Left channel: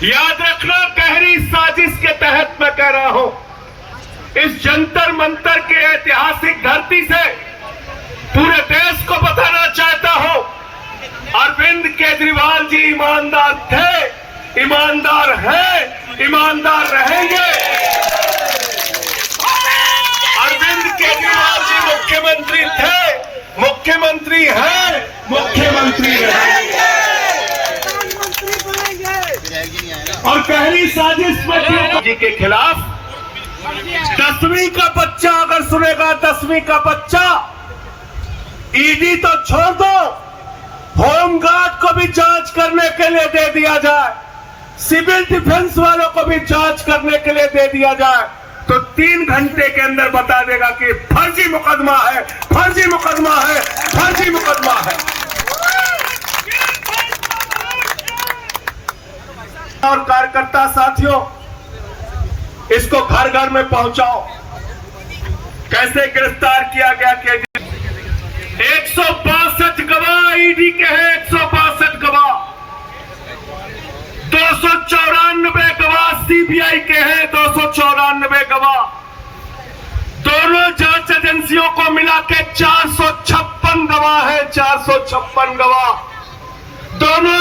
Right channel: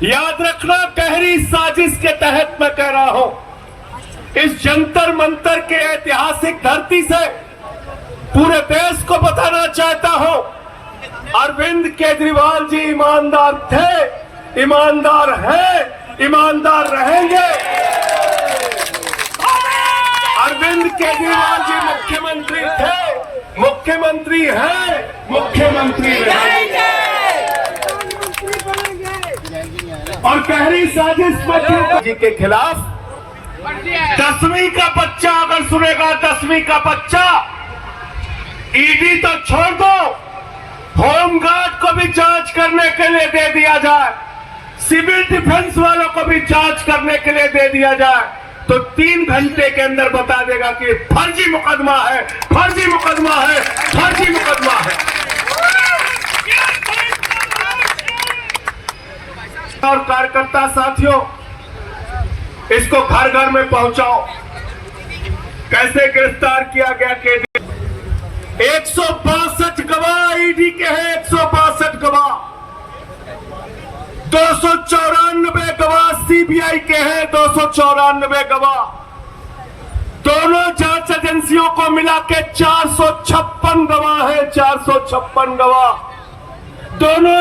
याद रखना, गहरी साजिश के तहत मैं कह रहा हूं, इस जंतर मंतर के ऐतिहासिक धरती से पूरे देश को बताना चाहता हूं, अरविंद केजरीवाल जी ईमानदार थे, ईमानदार हैं, ईमानदार रहेंगे। अरविंद केजरीवाल जी मुख्यमंत्री थे, मुख्यमंत्री हैं, मुख्यमंत्री रहेंगे। और गहरी साजिश जी के खिलाफ 10वीं का बच्चा अगर सुनेगा, 10वीं का बच्चा, ईडी तो छोड़ दो, होमगार्ड को भी जांच करने के लिए दे दिया जाए, सिविल डिफेंस वालों को भी जांच करने के लिए दे दिया जाए, तो 3 घंटे के अंदर बता देगा कि फर्जी मुकदमा है, फर्जी मुकदमा है, फर्जी मुकदमा है। और कार्यकर्ता साथियों, इसको घर घर में पहुंचाओ। कैसे गिरफ्तार किया गया केजरीवाल? 162 गवाह ईडी के हैं, 162 गवाह, 294 गवाह सीबीआई के हैं, 294 गवाह, दोनों जांच एजेंसियों को मिला के 456 गवाह है, 456 गवाह, दोनों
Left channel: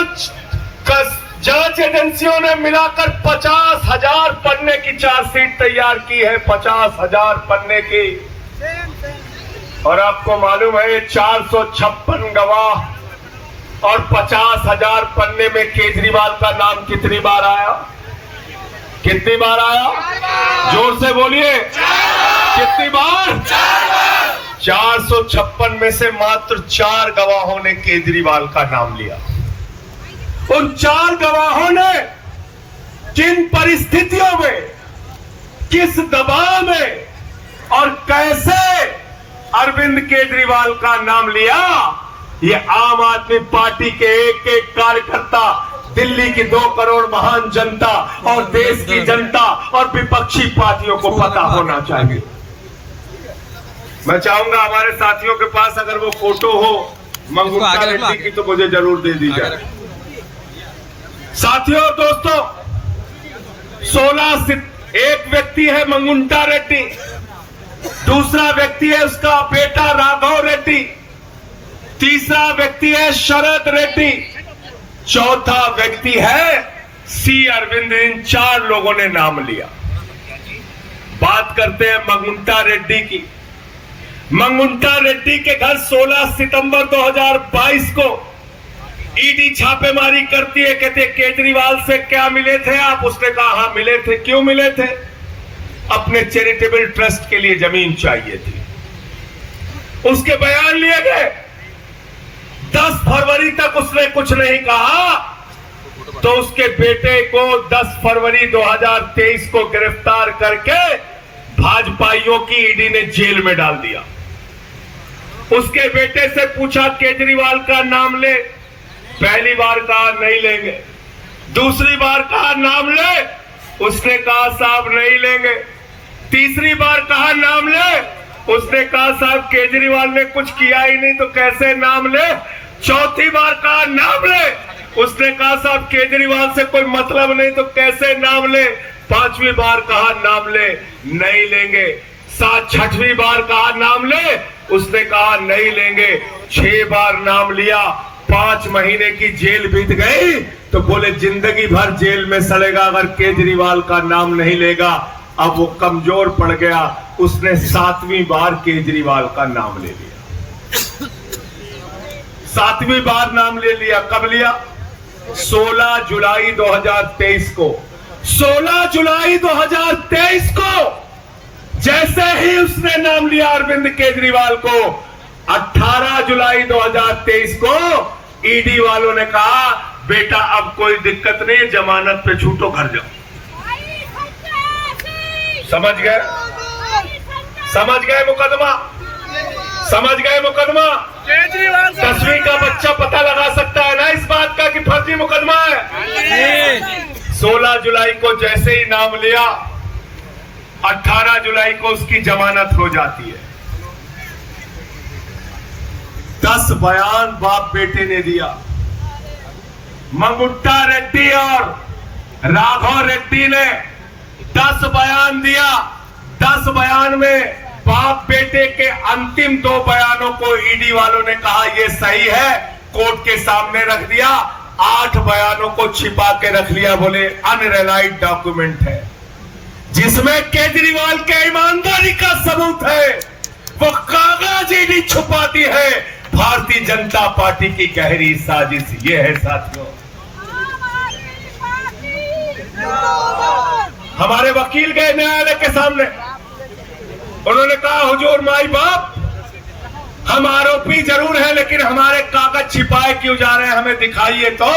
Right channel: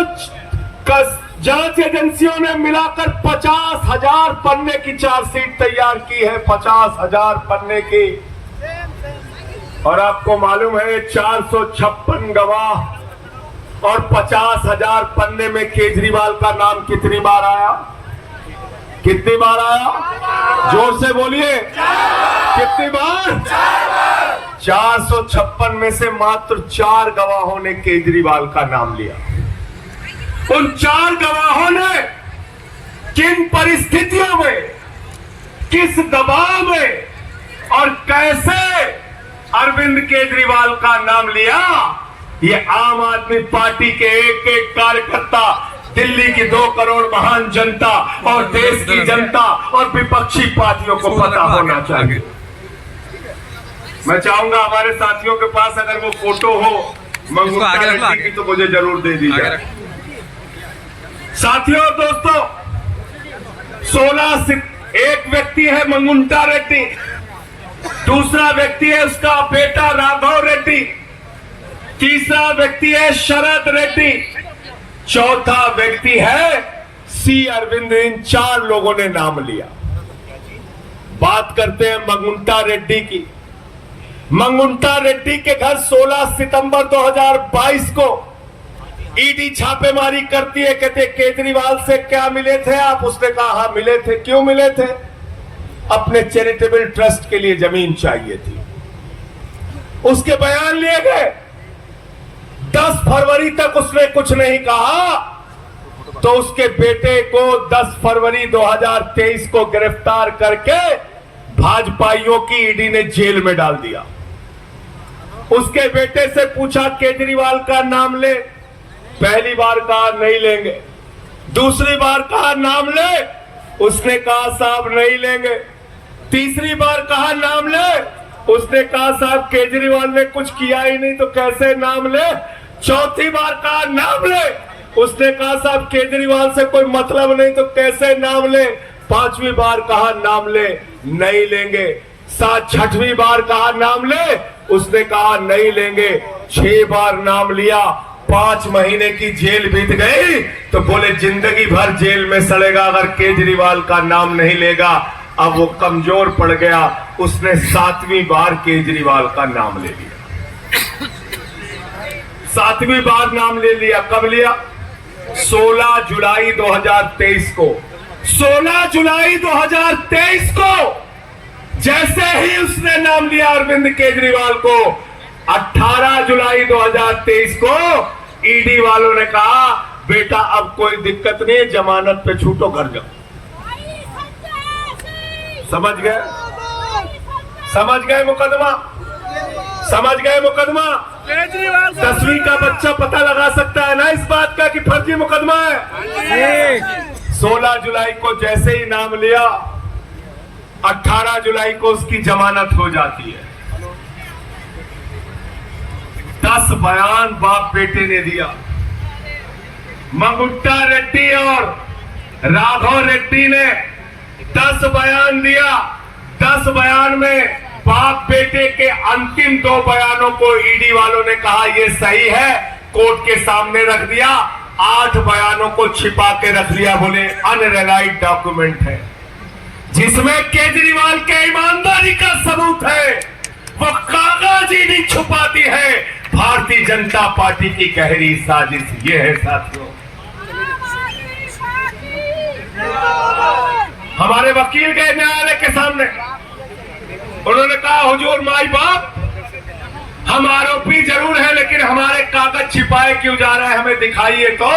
जांच एजेंसियों ने मिलाकर 50,000 पन्ने की चार्जशीट तैयार की है, 50,000 पन्ने की। और आपको मालूम है, ये 456 गवाह और 50,000 पन्ने में केजरीवाल का नाम कितनी बार आया? कितनी बार आया? जोर से बोलिए, कितनी बार? 456 में से मात्र 4 गवाहों ने केजरीवाल का नाम लिया। उन 4 गवाहों ने किन परिस्थितियों में, किस दबाव में और कैसे अरविंद केजरीवाल का नाम लिया, ये आम आदमी पार्टी के एक एक कार्यकर्ता, दिल्ली की 2 करोड़ महान जनता और देश की जनता और विपक्षी पार्टियों को पता होना चाहिए। मैं चाहूंगा हमारे साथियों के पास अगर वो फोटो हो मंगूटा की तो मुझे जरूर दे दीजिए। साथियों, दोस्तों, 16 एक व्यक्ति है मंगुंटा रेड्डी, दूसरा व्यक्ति है उसका बेटा राघव रेड्डी, तीसरा व्यक्ति है शरद रेड्डी, चौथा व्यक्ति है सी अरविंद। इन 4 लोगों ने नाम लिया। बात करते हैं मंगुंटा रेड्डी की। मंगुंटा रेड्डी के घर 16 सितंबर 2022 को ईडी छापेमारी करती है। कहते केजरीवाल से क्या मिले थे आप? उसने कहा हाँ मिले थे। क्यों मिले थे? अपने चैरिटेबल ट्रस्ट के लिए जमीन चाहिए थी। उसके बयान लिए गए। 10 फरवरी तक उसने कुछ नहीं कहा, तो उसके बेटे को 10 फरवरी 2023 को गिरफ्तार करके भाजपाइयों की ईडी ने जेल में डाल दिया। उसके बेटे से पूछा केजरीवाल का नाम ले, पहली बार कहा नहीं लेंगे, दूसरी बार कहा नाम ले, उसने कहा साहब नहीं लेंगे, तीसरी बार कहा नाम ले, उसने कहा साहब केजरीवाल ने कुछ किया ही नहीं तो कैसे नाम ले, चौथी बार कहा नाम ले, उसने कहा साहब केजरीवाल से कोई मतलब नहीं तो कैसे नाम ले, पांचवी बार कहा नाम ले, नहीं लेंगे, 6वीं बार कहा नाम ले, उसने कहा नहीं लेंगे, 6 बार नाम लिया, 5 महीने की जेल बीत गई, तो बोले जिंदगी भर जेल में सड़ेगा अगर केजरीवाल का नाम नहीं लेगा। अब वो कमजोर पड़ गया, उसने 7वीं बार केजरीवाल का नाम ले लिया। 7वीं बार नाम ले लिया। कब लिया? 16 जुलाई 2023 को। 16 जुलाई 2023 को जैसे ही उसने नाम लिया अरविंद केजरीवाल को, 18 जुलाई 2023 को ईडी वालों ने कहा बेटा अब कोई दिक्कत नहीं, जमानत पे छूटो, घर जाओ। समझ गए? समझ गए मुकदमा? समझ गए मुकदमा? 10वीं का बच्चा पता लगा सकता है ना इस बात का कि फर्जी मुकदमा है। 16 जुलाई को जैसे ही नाम लिया, 18 जुलाई को उसकी जमानत हो जाती है। 10 बयान बाप बेटे ने दिया। मंगुट्टा रेड्डी और राघव रेड्डी ने 10 बयान दिया। 10 बयान में बाप बेटे के अंतिम 2 बयानों को ईडी वालों ने कहा ये सही है, कोर्ट के सामने रख दिया। 8 बयानों को छिपा के रख लिया, बोले अनरिलाइड डॉक्यूमेंट है, जिसमें केजरीवाल के ईमानदारी का सबूत है। वो कागज ईडी छुपाती है। भारतीय जनता पार्टी की गहरी साजिश ये है साथियों। हमारे वकील गए न्यायालय के सामने, उन्होंने कहा हुजूर माई बाप, हम आरोपी जरूर हैं लेकिन हमारे कागज छिपाए क्यों जा रहे हैं, हमें दिखाइए तो।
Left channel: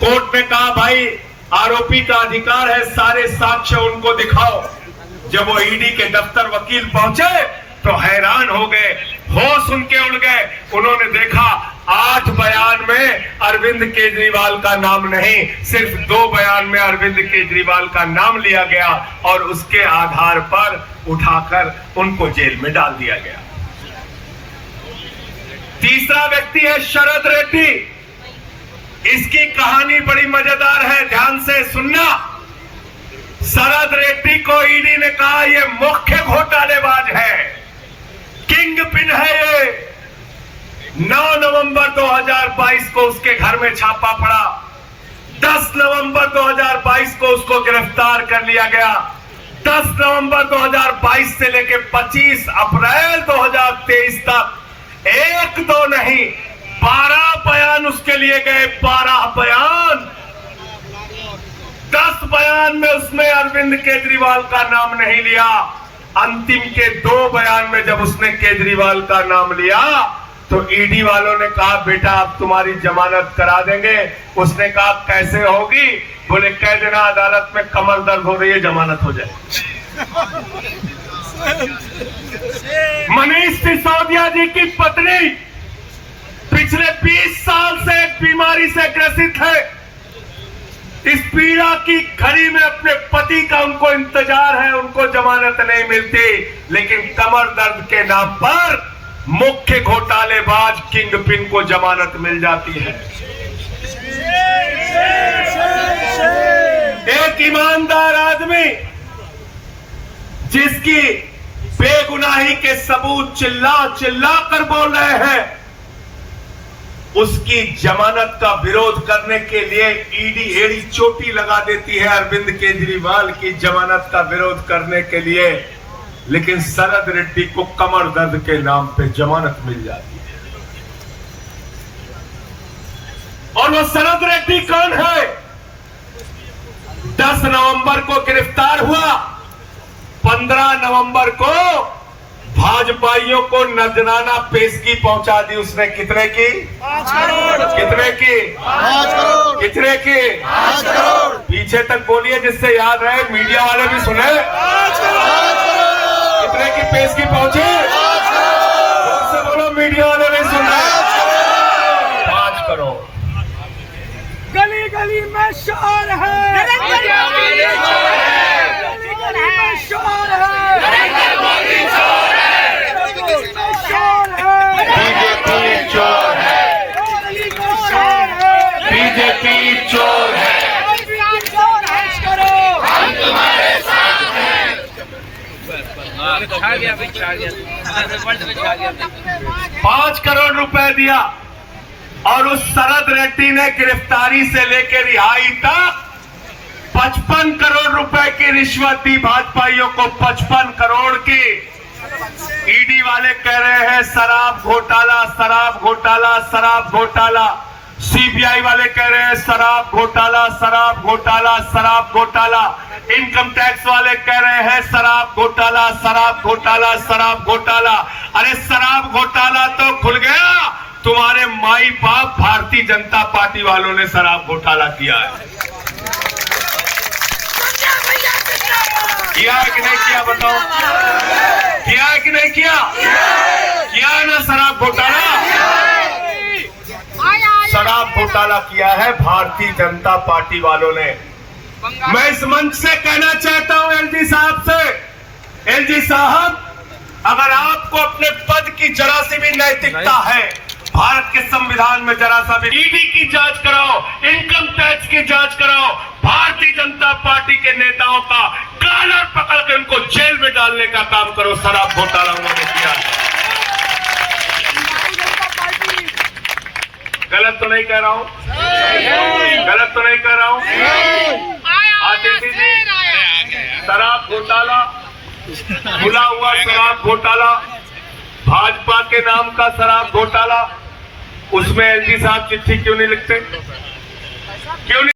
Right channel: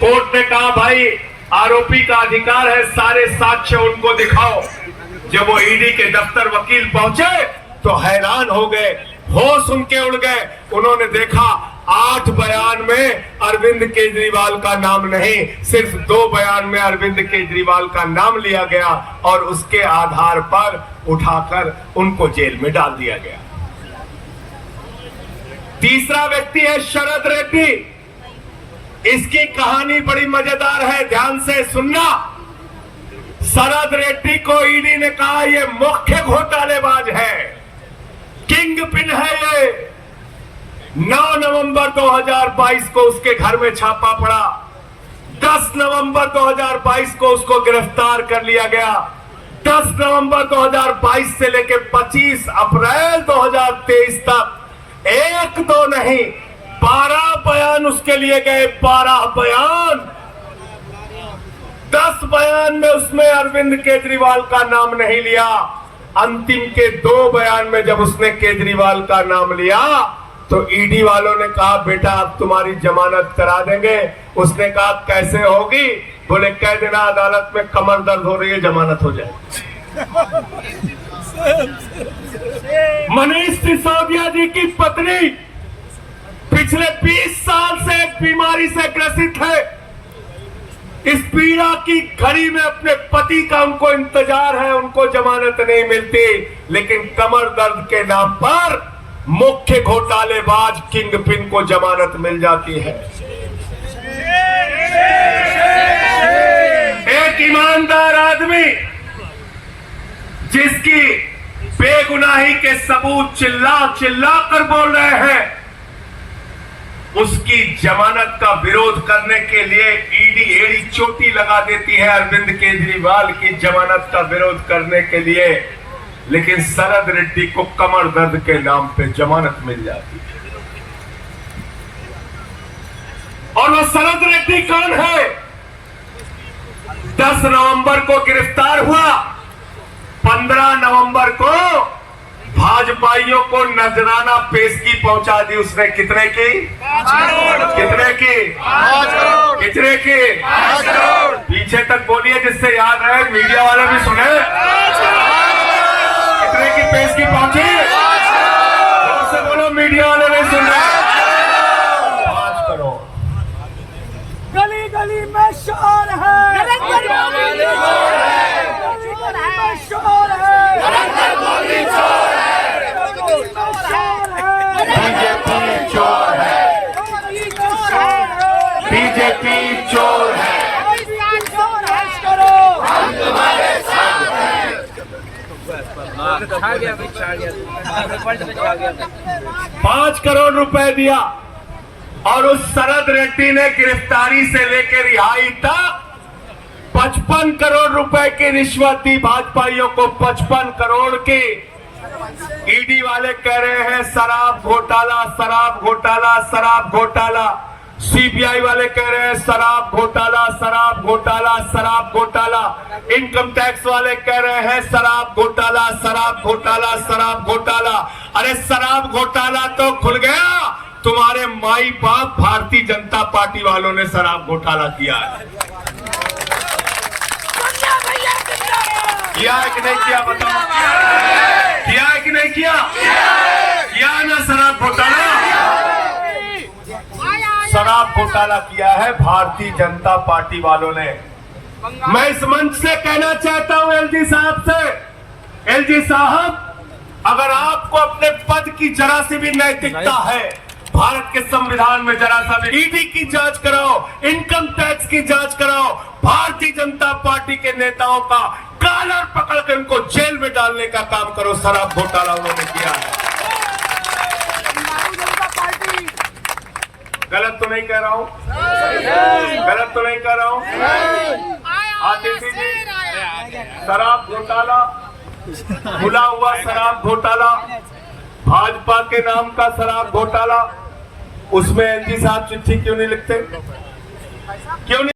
कोर्ट ने कहा भाई आरोपी का अधिकार है, सारे साक्ष्य उनको दिखाओ। जब वो ईडी के दफ्तर वकील पहुंचे तो हैरान हो गए, होश उनके उड़ गए। उन्होंने देखा 8 बयान में अरविंद केजरीवाल का नाम नहीं, सिर्फ 2 बयान में अरविंद केजरीवाल का नाम लिया गया और उसके आधार पर उठाकर उनको जेल में डाल दिया गया। तीसरा व्यक्ति है शरद रेड्डी। इसकी कहानी बड़ी मजेदार है, ध्यान से सुनना। शरद रेड्डी को ईडी ने कहा ये मुख्य घोटालेबाज है, किंग पिन है ये। 9 नवंबर 2022 को उसके घर में छापा पड़ा। 10 नवंबर 2022 को उसको गिरफ्तार कर लिया गया। 10 नवंबर 2022 से लेकर 25 अप्रैल 2023 तक 1-2 नहीं 12 बयान उसके लिए गए। 12 बयान। 10 बयान में उसने अरविंद केजरीवाल का नाम नहीं लिया। अंतिम के 2 बयान में जब उसने केजरीवाल का नाम लिया तो ईडी वालों ने कहा बेटा अब तुम्हारी जमानत करा देंगे। उसने कहा कैसे होगी, बोले कह देना अदालत में कमर दर्द हो रही है, जमानत हो जाए। मनीष सिसोदिया जी की पत्नी पिछले 20 साल से एक बीमारी से ग्रसित है। इस पीड़ा की घड़ी में अपने पति का उनको इंतजार है, उनको जमानत नहीं मिलती, लेकिन कमर दर्द के नाम पर मुख्य घोटालेबाज किंगपिन को जमानत मिल जाती है। एक ईमानदार आदमी जिसकी बेगुनाही के सबूत चिल्ला चिल्ला कर बोल रहे हैं, उसकी जमानत का विरोध करने के लिए ईडी एड़ी चोटी लगा देती है अरविंद केजरीवाल की जमानत का विरोध करने के लिए, लेकिन शरद रेड्डी को कमर दर्द के नाम पे जमानत मिल जाती है। और वो शरद रेड्डी कौन है? 10 नवंबर को गिरफ्तार हुआ। 15 नवंबर को भाजपाइयों को नजराना पेशगी पहुंचा दी उसने। कितने की? 5 करोड़। कितने की? 5 करोड़। कितने की? 5 करोड़। पीछे तक बोलिए जिससे याद रहे, मीडिया वाले भी सुने। कितने की पेशगी पहुंची? से बोलो, मीडिया वाले भी सुने। 5 करोड़। गली गली में शोर है, गली गली में शोर है, बीजेपी चोर है, बीजेपी चोर है। हम तुम्हारे साथ हैं। 5 करोड़ रुपए दिया और उस शरद रेड्डी ने गिरफ्तारी से लेकर रिहाई तक 55 करोड़ रुपए की रिश्वत दी भाजपाइयों को। 55 करोड़ की। ईडी वाले कह रहे हैं शराब घोटाला, शराब घोटाला, शराब घोटाला। सीबीआई वाले कह रहे हैं शराब घोटाला, शराब घोटाला, शराब घोटाला। इनकम टैक्स वाले कह रहे हैं शराब घोटाला, शराब घोटाला, शराब घोटाला। अरे शराब घोटाला तो खुल गया, तुम्हारे माई बाप भारतीय जनता पार्टी वालों ने शराब घोटाला किया है। किया है कि नहीं किया बताओ? किया है कि नहीं किया? किया है ना शराब घोटाला? शराब घोटाला किया है भारतीय जनता पार्टी वालों ने। मैं इस मंच से कहना चाहता हूं एलजी साहब से, एलजी साहब अगर आपको अपने पद की जरा सी भी नैतिकता है, भारत के संविधान में जरा सा भी ईडी की जांच कराओ, इनकम टैक्स इसकी जांच कराओ। भारतीय जनता पार्टी के नेताओं का कॉलर पकड़ के उनको जेल में डालने का काम करो। शराब घोटाला उन्होंने किया। गलत तो नहीं कह रहा हूं? गलत तो नहीं कह रहा हूं? आतिशी जी, शराब घोटाला, खुला हुआ शराब घोटाला, भाजपा के नाम का शराब घोटाला, उसमें एलजी साहब चिट्ठी क्यों नहीं लिखते? क्यों नहीं?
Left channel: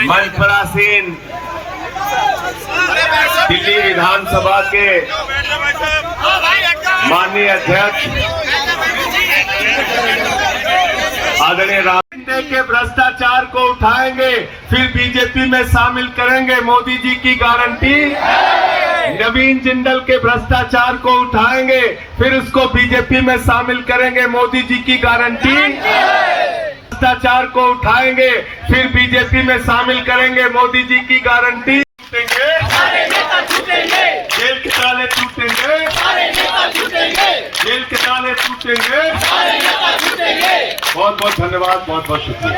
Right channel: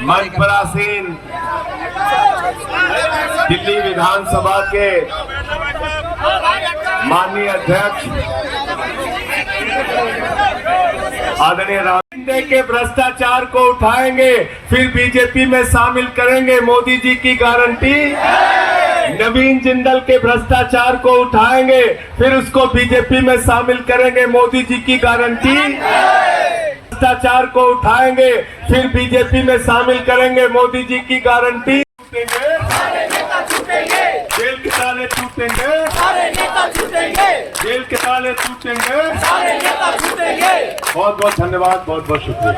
मंच पर आसीन दिल्ली विधानसभा के माननीय अध्यक्ष आदरणीय राहुल के भ्रष्टाचार को उठाएंगे, फिर बीजेपी में शामिल करेंगे, मोदी जी की गारंटी। नवीन जिंदल के भ्रष्टाचार को उठाएंगे, फिर उसको बीजेपी में शामिल करेंगे, मोदी जी की गारंटी। भ्रष्टाचार को उठाएंगे, फिर बीजेपी में शामिल करेंगे, मोदी जी की गारंटी। जेल के ताले टूटेंगे, जेल के ताले टूटेंगे। बहुत बहुत धन्यवाद, बहुत बहुत शुक्रिया।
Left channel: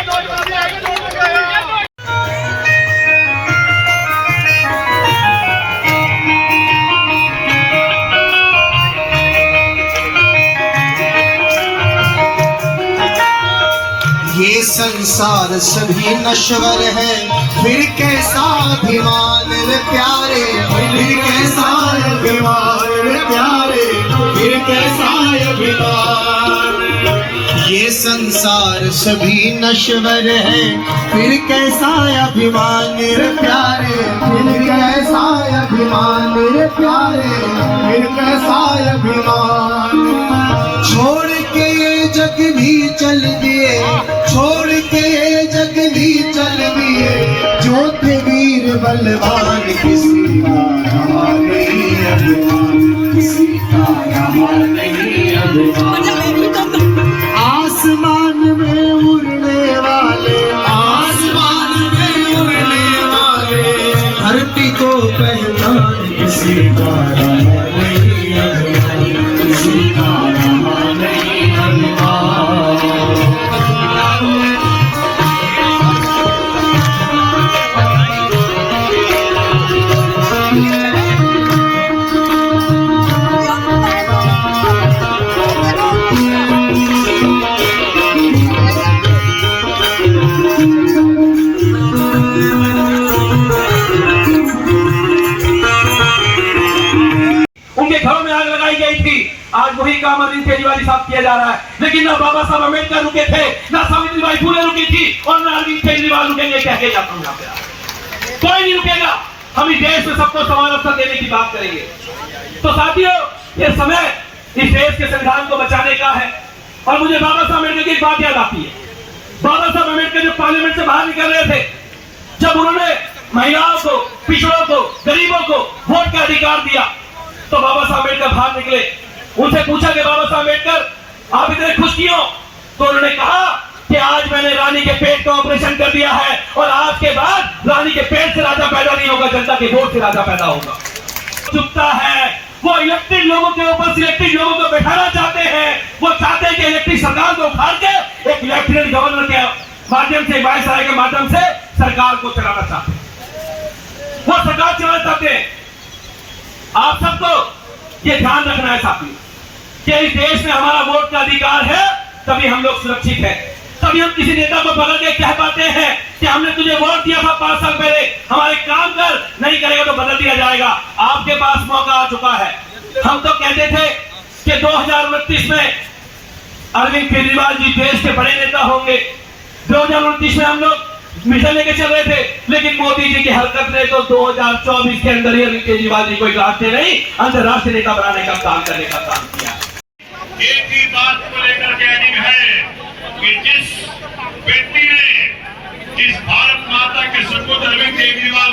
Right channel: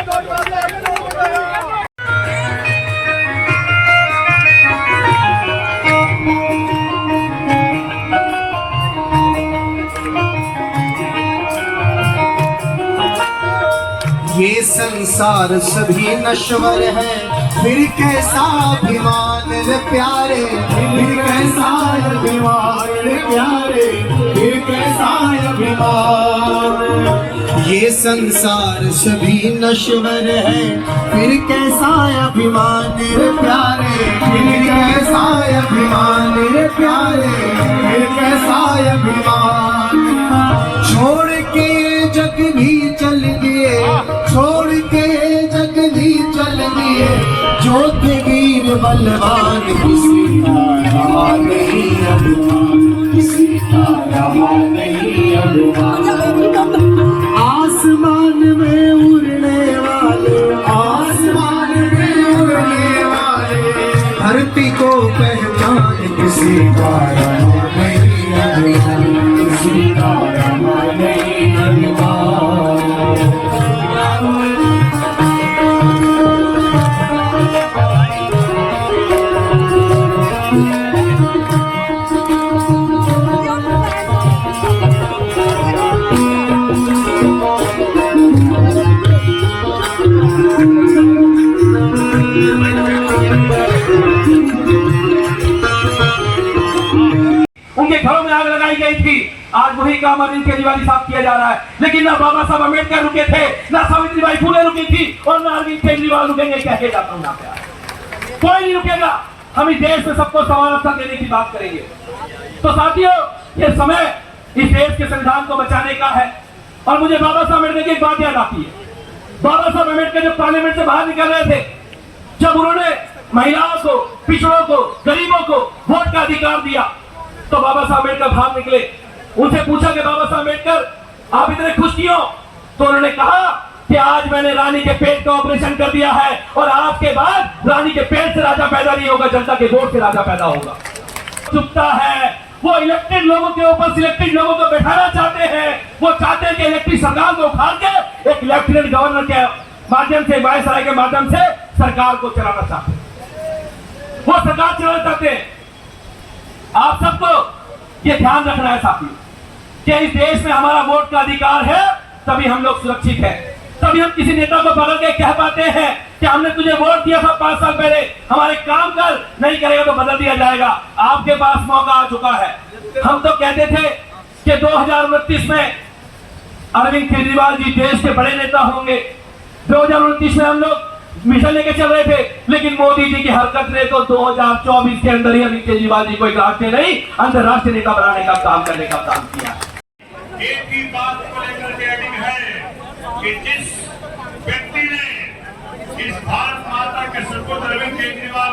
ये संसार सभी नश्वर है, फिर कैसा अभिमान रे प्यारे, फिर कैसा अभिमान रे प्यारे, फिर कैसा अभिमान। ये संसार सभी नश्वर है, फिर कैसा अभिमान रे प्यारे, फिर कैसा अभिमान रे प्यारे, फिर कैसा अभिमान। छोड़ के ये जग भी चल दिए, छोड़ के ये जग भी चल दिए, जो थे वीर बलवान, किसी का रहा नहीं अभिमान, किसी का रहा नहीं अभिमान। आसमान में उड़ने वाले, आसमान में उड़ने वाले, धरती को पहचान, किसी का रहा नहीं अभिमान, किसी का रहा नहीं अभिमान। उनके घरों में आग लगाई गई थी, आज वही काम अरविंद केजरीवाल साहब किया जा रहा है। लेकिन ना बाबा साहब अम्बेडकर रुके थे, ना सावित्रीबाई फुले रुकी थी, और ना अरविंद केजरीवाल रुकेंगे। कह के जाता हूं यहाँ पे, कोई नहीं रुकेगा। हम इस देश में सबको समान अवसर देने की बात करेंगे। तो साथियों, ये समय इस देश के संविधान को बचाने का है। और मुझे बाबा साहब अम्बेडकर की एक बात याद आती है। बाबा साहब अम्बेडकर जब पार्लियामेंट से बाहर निकल रहे थे, जब उन्होंने महिलाओं को, पिछड़ों को, गरीबों को वोट का अधिकार दिया, तो बाबा साहब अम्बेडकर बाहर निकले। उनसे पूछा कि बाबा साहब अम्बेडकर आप इतने खुश क्यों? तो उन्होंने कहा कि आज मैंने रानी के पेट का ऑपरेशन कर दिया है, और आज के बाद रानी के पेट से राजा पैदा नहीं होगा, जनता के वोट से राजा पैदा होगा। चुपता है, वो इलेक्टेड लोगों के ऊपर सिलेक्टेड लोगों को बैठाना चाहते हैं। वो चाहते हैं कि इलेक्टेड सरकार को उखाड़ के एक लेफ्टिनेंट गवर्नर के माध्यम से, वायसराय के माध्यम से सरकार को चलाना चाहते हैं। वो सरकार चलाना चाहते हैं। आप सबको ये ध्यान रखना है साथियों कि इस देश में हमारा वोट का अधिकार है, तभी हम लोग सुरक्षित हैं। तभी हम किसी नेता को पकड़ के कह पाते हैं कि हमने तुझे वोट दिया था 5 साल पहले, हमारे काम कर, नहीं करेगा तो बदल दिया जाएगा। आपके पास मौका आ चुका है। हम तो कहते थे कि 2029 में अरविंद केजरीवाल जी देश के बड़े नेता होंगे। 2029 में हम लोग मिशन लेके चल रहे थे, लेकिन मोदी जी की हरकत ने तो 2024 के अंदर ही अरविंद केजरीवाल जी को एक राष्ट्रीय नहीं, अंतर्राष्ट्रीय नेता बनाने का काम करने का काम किया। एक ही बात को लेकर के अडिग है कि जिस व्यक्ति ने इस भारत माता के सुपुत्र अरविंद केजरीवाल